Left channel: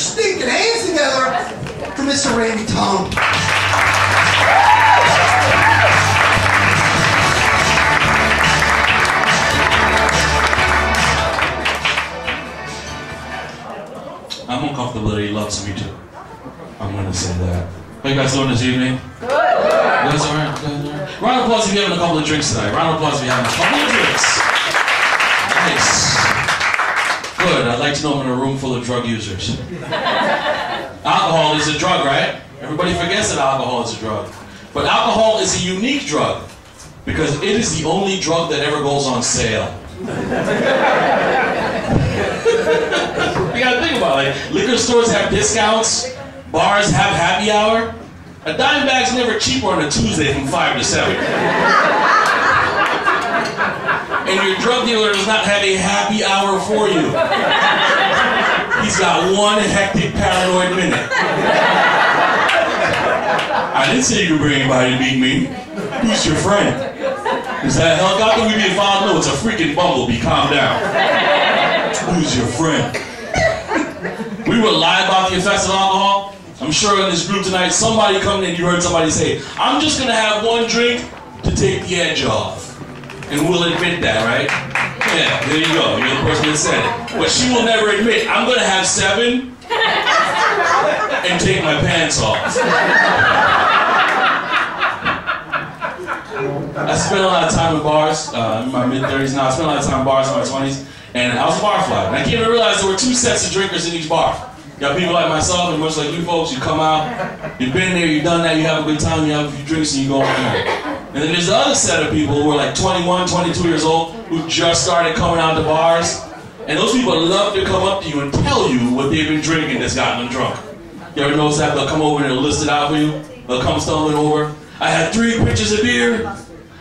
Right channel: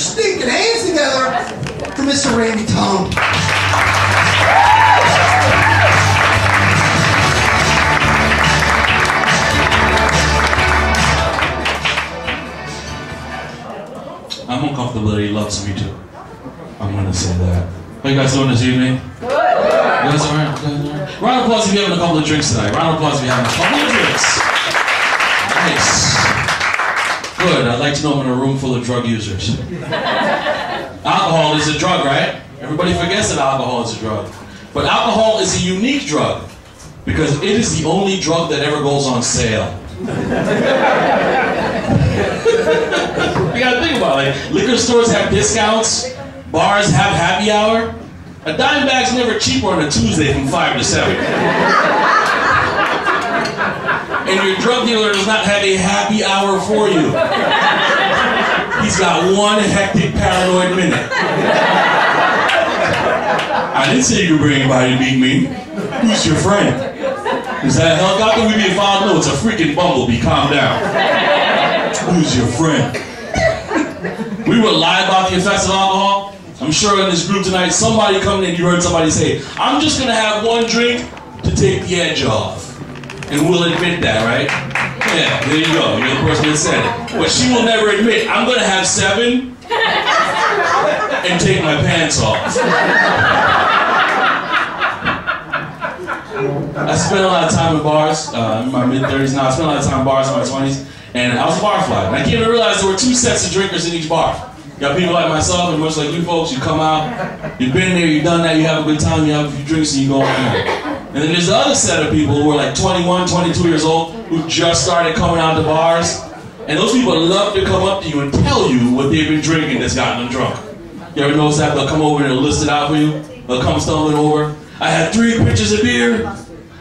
stinking hands together for Mr. Randy Tonge. I'm uncomfortable that he loves me too. I'm gonna say that. How you guys doing this evening? Good. You guys alright? Round of applause if you're having a couple of drinks tonight. Round of applause if you're having a couple of drinks. Nice. Good. I'd like to know I'm in a room full of drug users. Alcohol is a drug, right? Everybody forgets that alcohol is a drug. But alcohol is a unique drug because it is the only drug that ever goes on sale. You gotta think about it. Like, liquor stores have discounts, bars have happy hour. A dime bag's never cheaper on a Tuesday from 5 to 7. And your drug dealer does not have a happy hour for you. He's got one hectic paranoid minute. I didn't say you could bring anybody to meet me. Who's your friend? Is that a helicopter we being followed? No, it's a freaking bumblebee. Calm down. Who's your friend? We would lie about the effects of alcohol. I'm sure in this group tonight, somebody coming in, you heard somebody say, I'm just going to have one drink to take the edge off. And we'll admit that, right? Yeah, there you go. You're the person that said it. But she will never admit, I'm going to have 7 and take my pants off. I spent a lot of time in bars, in my mid-30s now. I spent a lot of time in bars in my 20s. And I was a bar fly. And I came to realize there were 2 sets of drinkers in each bar. You got people like myself and much like you folks, you come out, you've been there, you've done that, you have a good time, you have a few drinks, and you go home. And then there's the other set of people who are like 21, 22 years old, who just started coming out to bars. And those people love to come up to you and tell you what they've been drinking that's gotten them drunk. You ever notice that? They'll come over and they'll list it out for you. They'll come stumbling over. I had 3 pitchers of beer.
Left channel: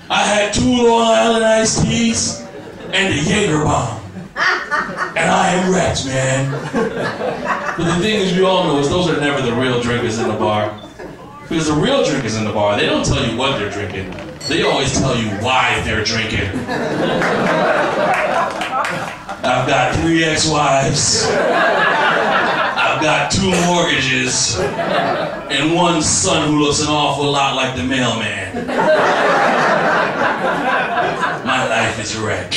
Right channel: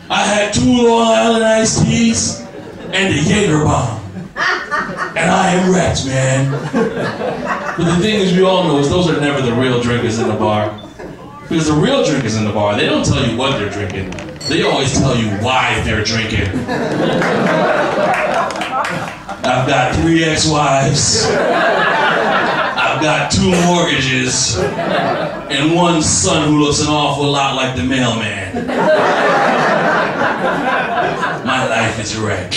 I had 2 Long Island iced teas and a Jaeger bomb. And I am wrecked, man. But the thing is, we all know is those are never the real drinkers in the bar. Because the real drinkers in the bar, they don't tell you what they're drinking. They always tell you why they're drinking. I've got 3 ex-wives. I've got 2 mortgages. And 1 son who looks an awful lot like the mailman. My life is a wreck.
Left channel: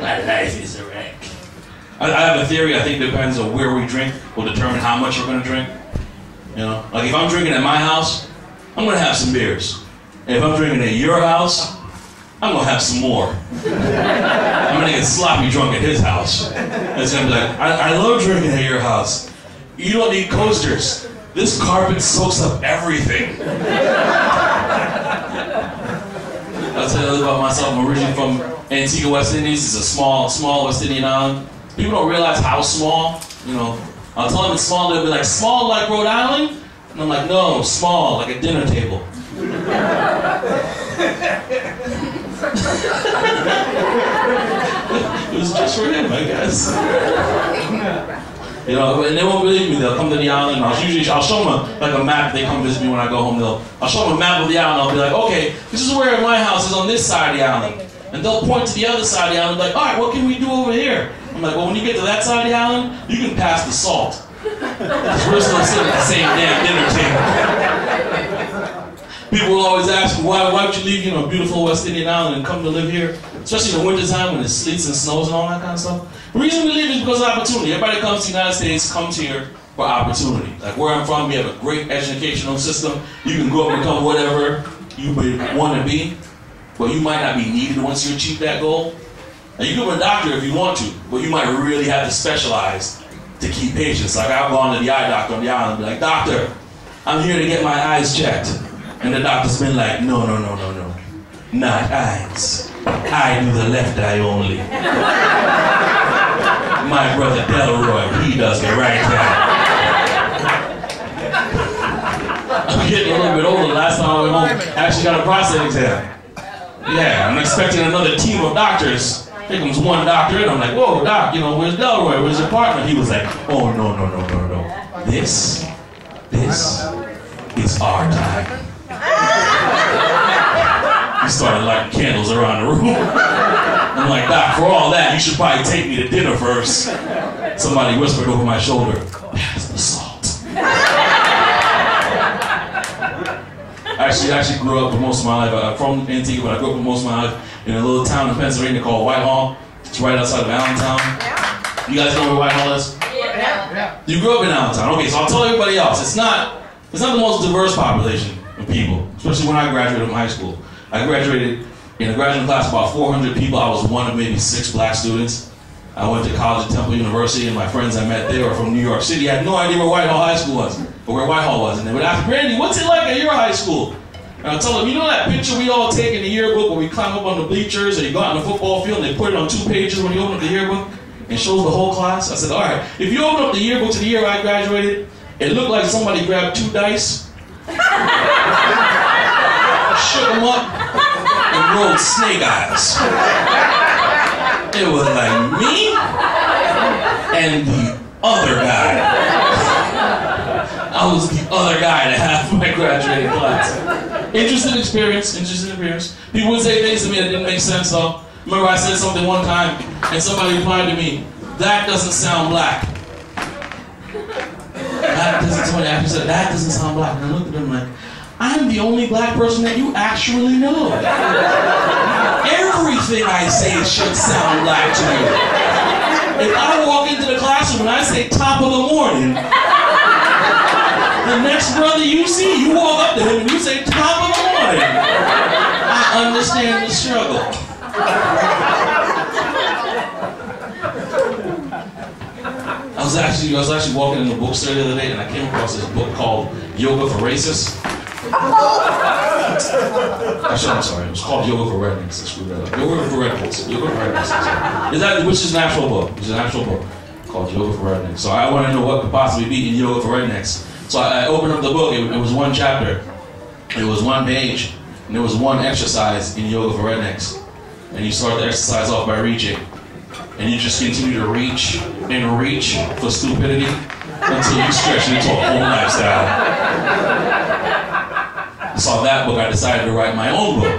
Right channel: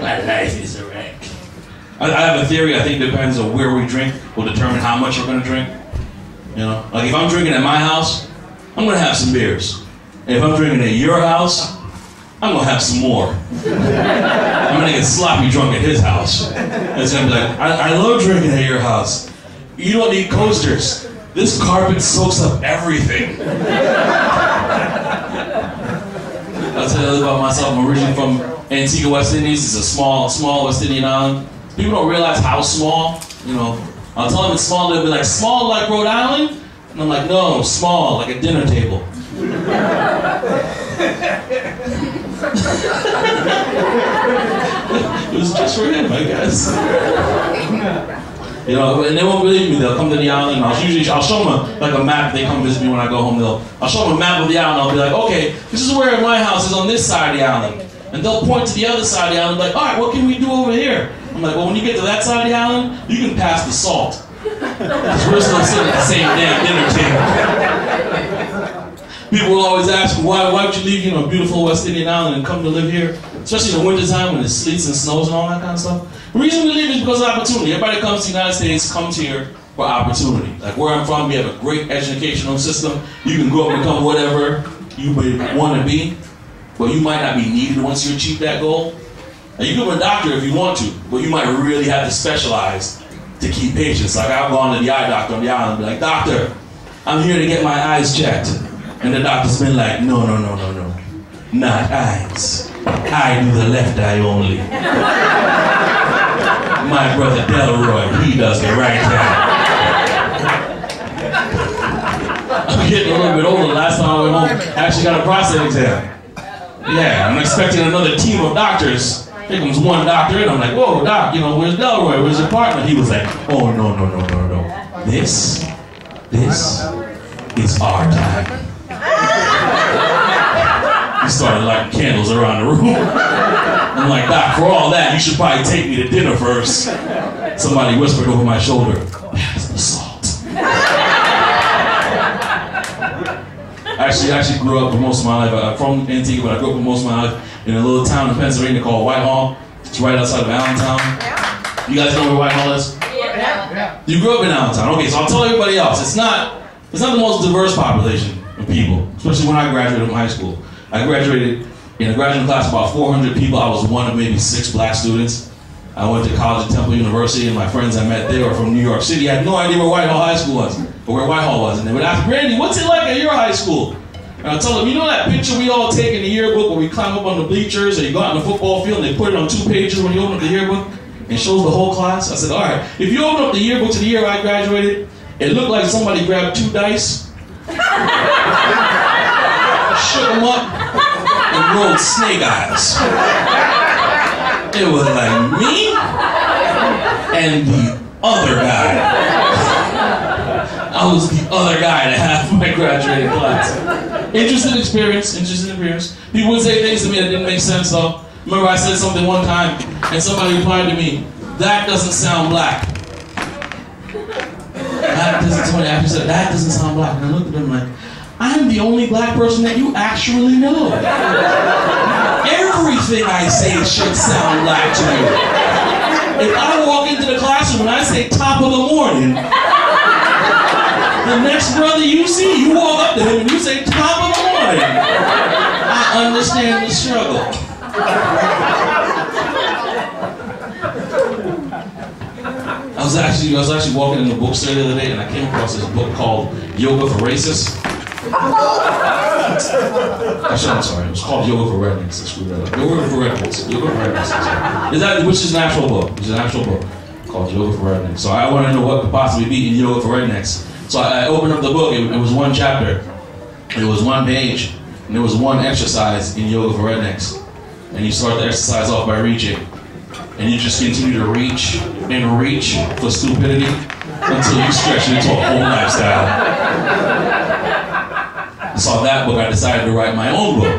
My life is a wreck. I have a theory. I think it depends on where we drink will determine how much we're going to drink. You know, like if I'm drinking at my house, I'm going to have some beers. And if I'm drinking at your house, I'm going to have some more. I'm going to get sloppy drunk at his house. And it's going to be like, I love drinking at your house. You don't need coasters. This carpet soaks up everything. I'll tell you a little about myself. I'm originally from Antigua, West Indies. It's a small West Indian island. People don't realize how small, you know. I'll tell them it's small, they'll be like, small like Rhode Island? And I'm like, no, small, like a dinner table. It was just for him, I guess. You know, and they won't believe me. They'll come to the island, and I'll show them a map. They come visit me when I go home. I'll show them a map of the island. I'll be like, okay, this is where my house is on this side of the island. And they'll point to the other side of the island, like, all right, what can we do over here? I'm like, well, when you get to that side of the island, you can pass the salt. Because we're still sitting at the same damn dinner table. People will always ask, why would you leave, you know, beautiful West Indian island and come to live here? Especially in the wintertime when it sleets and snows and all that kind of stuff. The reason we leave is because of opportunity. Everybody comes to the United States, comes here for opportunity. Like where I'm from, we have a great educational system. You can go up and become whatever you want to be, but you might not be needed once you achieve that goal. Now you can be a doctor if you want to, but you might really have to specialize to keep patients. Like I've gone to the eye doctor on the island and be like, doctor, I'm here to get my eyes checked. And the doctor's been like, no, not eyes. I do the left eye only. My brother Delroy, he does the right eye. I'm getting a little bit older. Last time I went home, I actually got a prostate exam. Yeah, I'm expecting another team of doctors. Here comes one doctor, and I'm like, whoa, doc, you know, where's Delroy? Where's your partner? He was like, oh, no. This is our time. He started lighting candles around the room. I'm like, doc, for all that, you should probably take me to dinner first. somebody whispered over my shoulder, "Pass the salt." I actually grew up for most of my life. I'm from Antigua, but I grew up for most of my life in a little town in Pennsylvania called Whitehall. It's right outside of Allentown. You guys know where Whitehall is? Yeah. You grew up in Allentown. Okay, so I'll tell everybody else. It's not the most diverse population of people, especially when I graduated from high school. I graduated in a graduating class of about 400 people. I was one of maybe 6 black students. I went to college at Temple University, and my friends I met there were from New York City. I had no idea where Whitehall High School was, or where Whitehall was. And they would ask, "Randy, what's it like at your high school?" And I'd tell them, "You know that picture we all take in the yearbook where we climb up on the bleachers and you go out on the football field and they put it on 2 pages when you open up the yearbook and it shows the whole class?" I said, "All right, if you open up the yearbook to the year I graduated, it looked like somebody grabbed 2 dice, shook them up, and rolled snake eyes. It was like me and the other guy. I was the other guy to half my graduating class." Interesting experience. People would say things to me that didn't make sense though. Remember I said something one time and somebody replied to me, "That doesn't sound black." Somebody actually said, "That doesn't sound black." And I looked at them like, "I'm the only black person that you actually know. Everything I say should sound black to you. If I walk into the classroom and I say top of the morning, the next brother you see, you walk up to him and you say top of the morning. I understand the struggle." I was actually walking in the bookstore the other day and I came across this book called Yoga for Racists. Actually, I'm sorry. It was called Yoga for Rednecks. I screwed that up. Yoga for Rednecks. Which is an actual book. Called Yoga for Rednecks. So I want to know what could possibly be in Yoga for Rednecks. So I opened up the book. It was 1 chapter. It was 1 page. And there was 1 exercise in Yoga for Rednecks. And you start the exercise off by reaching. And you just continue to reach and reach for stupidity until you stretch it into a whole lifestyle. I saw that book. I decided to write my own book,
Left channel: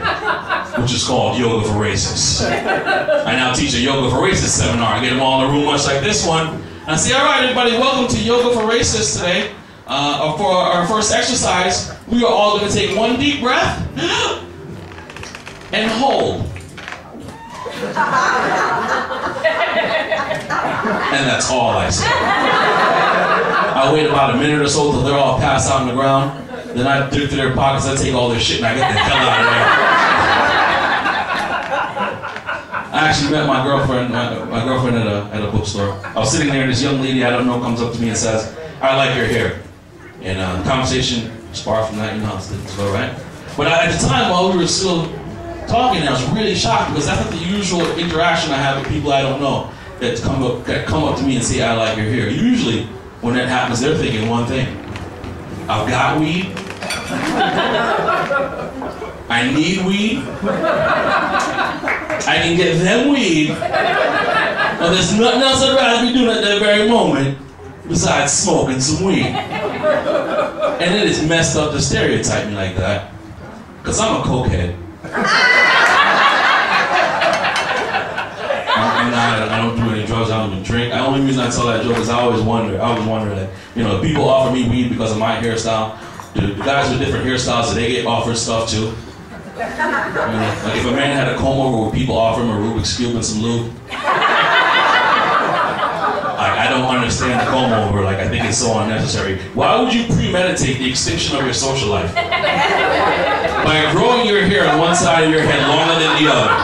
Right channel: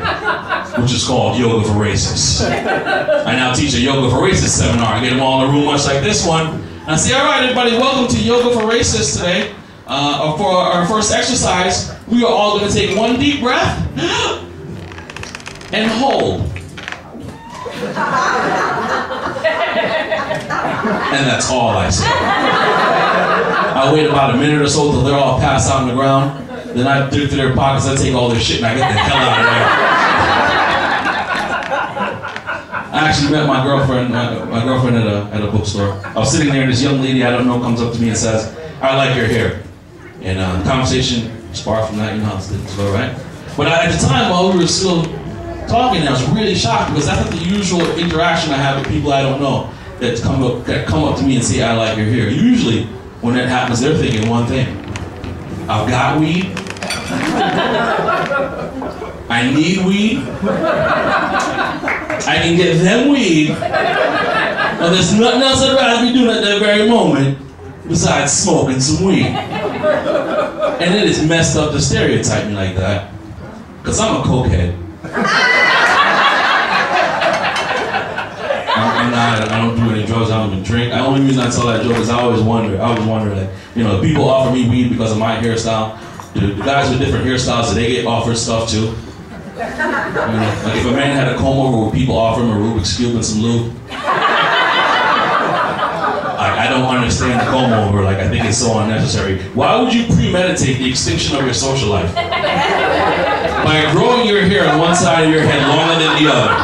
which is called Yoga for Racists. I now teach a Yoga for Racists seminar. I get them all in a room much like this one. And I say, "All right, everybody, welcome to Yoga for Racists today. For our first exercise, we are all going to take 1 deep breath and hold. And that's all I say. I wait about a minute or so till they're all passed out on the ground. Then I dig through their pockets, I take all their shit, and I get the hell out of there. I actually met my girlfriend at a bookstore. I was sitting there, and this young lady I don't know comes up to me and says, "I like your hair." And the conversation sparked from that, it's all right. But at the time, while we were still talking, I was really shocked because that's not the usual interaction I have with people I don't know that come up to me and say, "I like your hair." Usually, when that happens, they're thinking one thing: I've got weed. I need weed. I can get them weed. Well, there's nothing else I'd rather be doing at that very moment besides smoking some weed. And it is messed up to stereotype me like that, because I'm a cokehead. I don't do any drugs, I don't even drink. The only reason I tell that joke is I always wonder, like, if people offer me weed because of my hairstyle, the guys with different hairstyles, do they get offered stuff too? Like if a man had a comb over where people offer him a Rubik's Cube and some lube, I don't understand the comb over, I think it's so unnecessary. Why would you premeditate the extinction of your social life? By growing your hair on one side of your head longer than the other.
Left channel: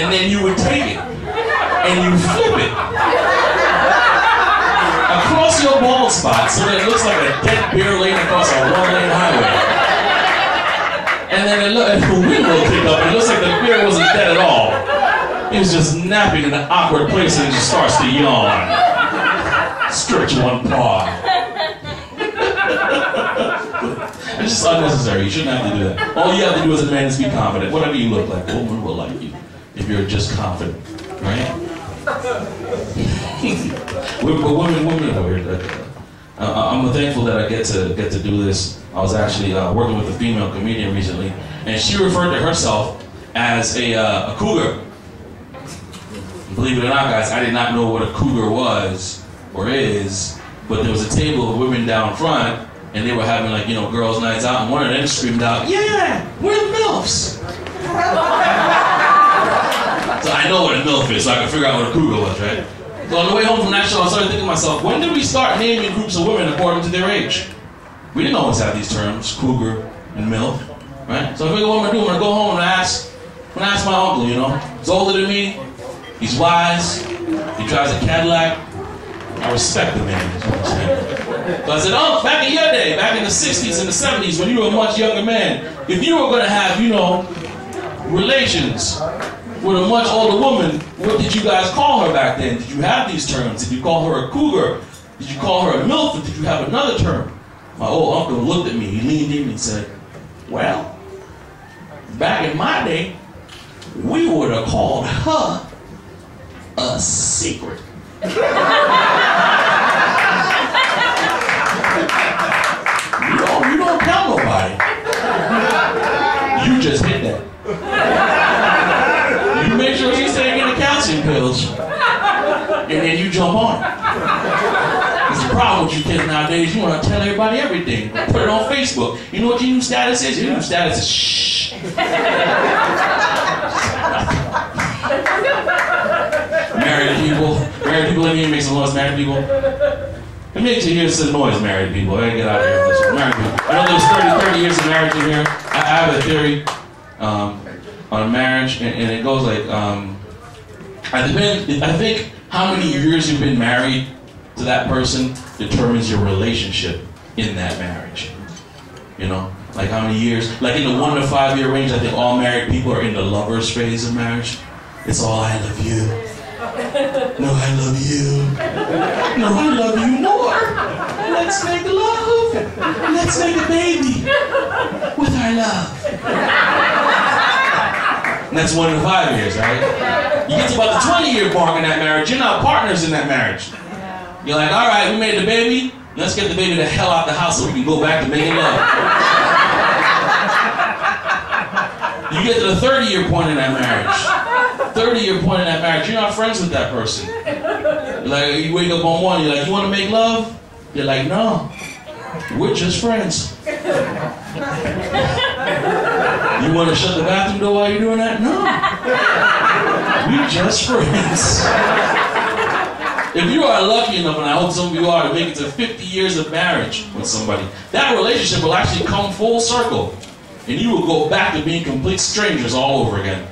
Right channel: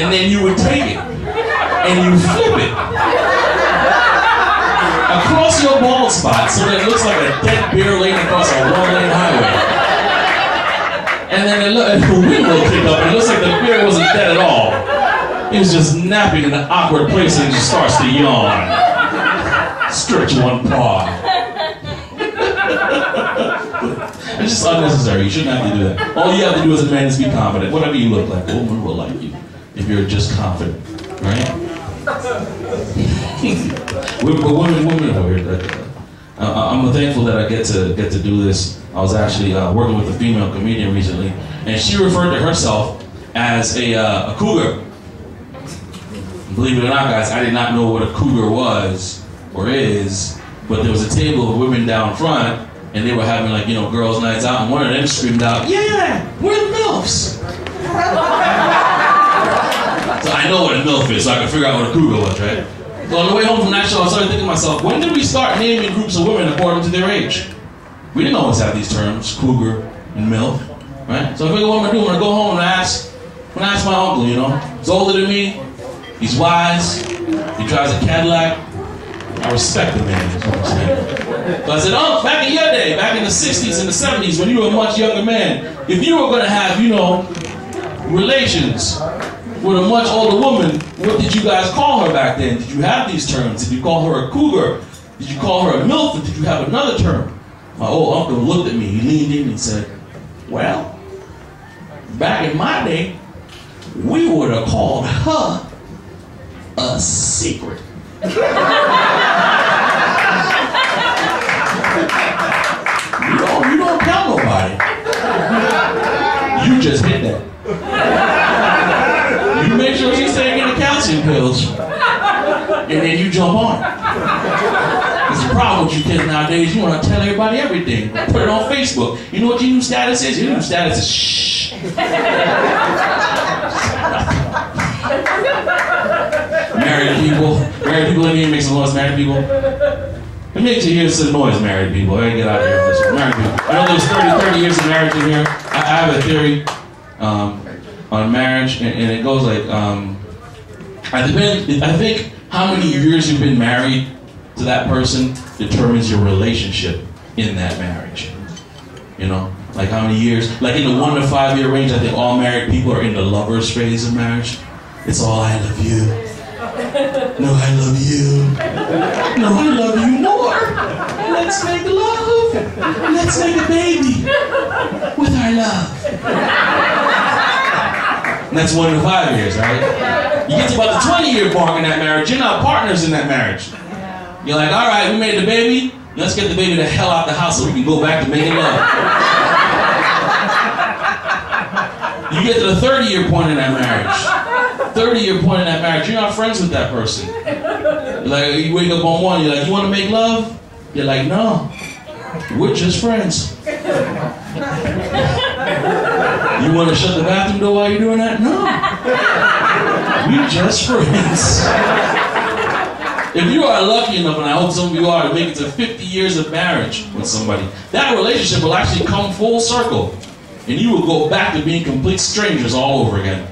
And then you would take it and you flip it across your bald spot so that it looks like a dead bear laying across a 1-lane highway. And then the wind will kick up and it looks like the bear wasn't dead at all. He was just napping in an awkward place and he just starts to yawn. Stretch one paw. It's just unnecessary. You shouldn't have to do that. All you have to do as a man is be confident. Whatever you look like, a woman will like you if you're just confident, right? Women are weird. I'm thankful that I get to do this. I was actually working with a female comedian recently, and she referred to herself as a cougar. believe it or not, guys, I did not know what a cougar was or is, but there was a table of women down front, and they were having like, girls' nights out, and one of them screamed out, "Yeah, we're the MILFs." So I know what a MILF is, so I could figure out what a cougar was, right? So on the way home from that show, I started thinking to myself, when did we start naming groups of women according to their age? We didn't always have these terms, cougar and MILF, right? So I figured what I'm gonna do, I'm gonna go home and ask my uncle, he's older than me, he's wise, he drives a Cadillac, I respect the man, is what I'm saying. So I said, "Oh, back in your day, back in the 60s and the 70s, when you were a much younger man, if you were gonna have, relations with a much older woman, what did you guys call her back then? Did you have these terms? Did you call her a cougar? Did you call her a MILF? Or did you have another term?" My old uncle looked at me, he leaned in and said, "Well, back in my day, we would have called her a secret." You don't tell nobody. You just hit that. You make sure she's taking the calcium pills, and then you jump on it. There's a problem with you kids nowadays. You want to tell everybody everything. Put it on Facebook. You know what your new status is? Your new status is shh. Married people in here make some noise. Married people. Let me hear some noise, married people. Hey, get out of here. Married people. I know there's 30 years of marriage in here. I have a theory on marriage, and it goes like, I think how many years you've been married to that person determines your relationship in that marriage. Like how many years? Like in the 1 to 5 year range, I think all married people are in the lovers phase of marriage. It's all "I love you." "No, I love you." "No, I love you more." "Let's make love." "Let's make a baby with our love." And that's 1 to 5 years, right? You get to about the 20-year mark in that marriage, you're not partners in that marriage. You're like, "All right, we made the baby. Let's get the baby the hell out the house so we can go back to making love." You get to the 30-year point in that marriage. 30-year point in that marriage, you're not friends with that person. You're like, you wake up on one, you're like, "You want to make love?" You're like, "No, we're just friends." "You want to shut the bathroom door while you're doing that?" "No, we're just friends." If you are lucky enough, and I hope some of you are, to make it to 50 years of marriage with somebody, that relationship will actually come full circle. And you will go back to being complete strangers all over again.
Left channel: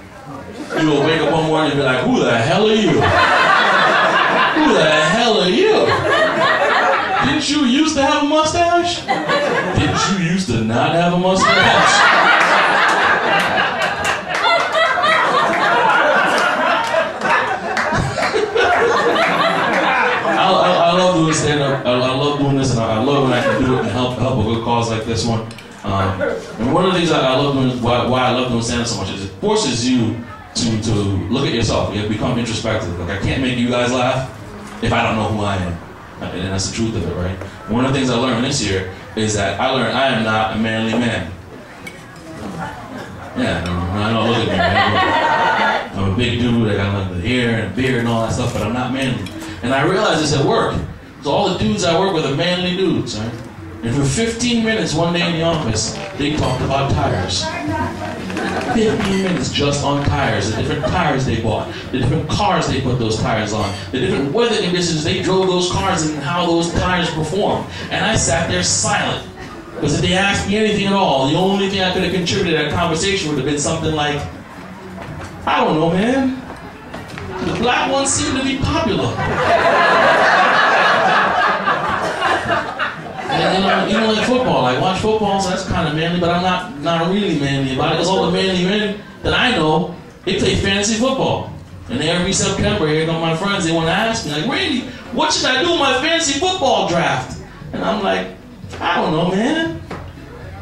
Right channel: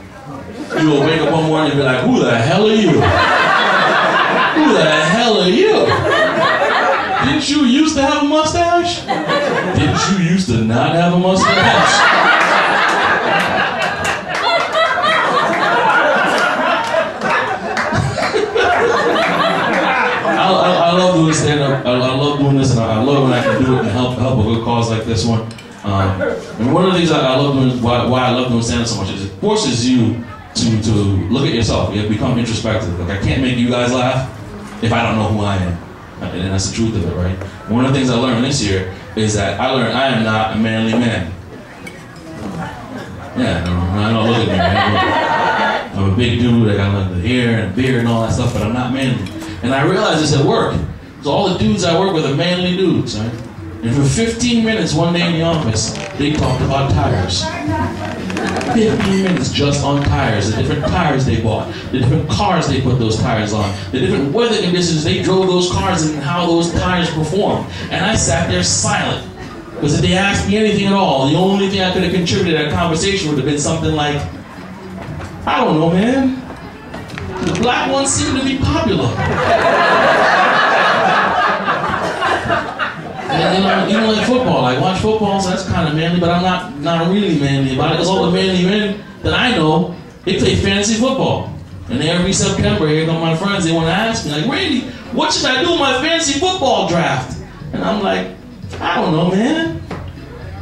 You will wake up one morning and be like, "Who the hell are you? Who the hell are you? Didn't you used to have a mustache? Didn't you used to not have a mustache?" I love doing stand-up. I love doing this, and I love when I can do it and help a good cause like this one. And one of the things I love doing, why I love doing stand-up so much, is it forces you to look at yourself. You have to become introspective. Like, I can't make you guys laugh if I don't know who I am. And that's the truth of it, right? One of the things I learned this year is that I learned I am not a manly man. Yeah, I don't look at me, man. I'm a big dude. I got the hair and beard and all that stuff, but I'm not manly. And I realized this at work. So all the dudes I work with are manly dudes, right? And for 15 minutes one day in the office, they talked about tires. 15 minutes just on tires, the different tires they bought, the different cars they put those tires on, the different weather conditions they drove those cars and how those tires performed. And I sat there silent. Because if they asked me anything at all, the only thing I could have contributed to that conversation would have been something like, "I don't know, man. The black ones seem to be popular." And you know, like football, like watch football, so that's kind of manly, but I'm not really manly about it, because all the manly men that I know, they play fantasy football. And every September, here come my friends, they want to ask me, like, "Randy, what should I do with my fantasy football draft?" And I'm like, "I don't know, man.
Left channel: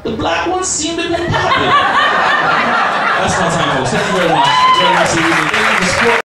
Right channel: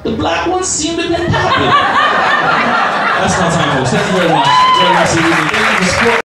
The black ones seem to be popular." That's my time, folks. Thank you very much. Thank you for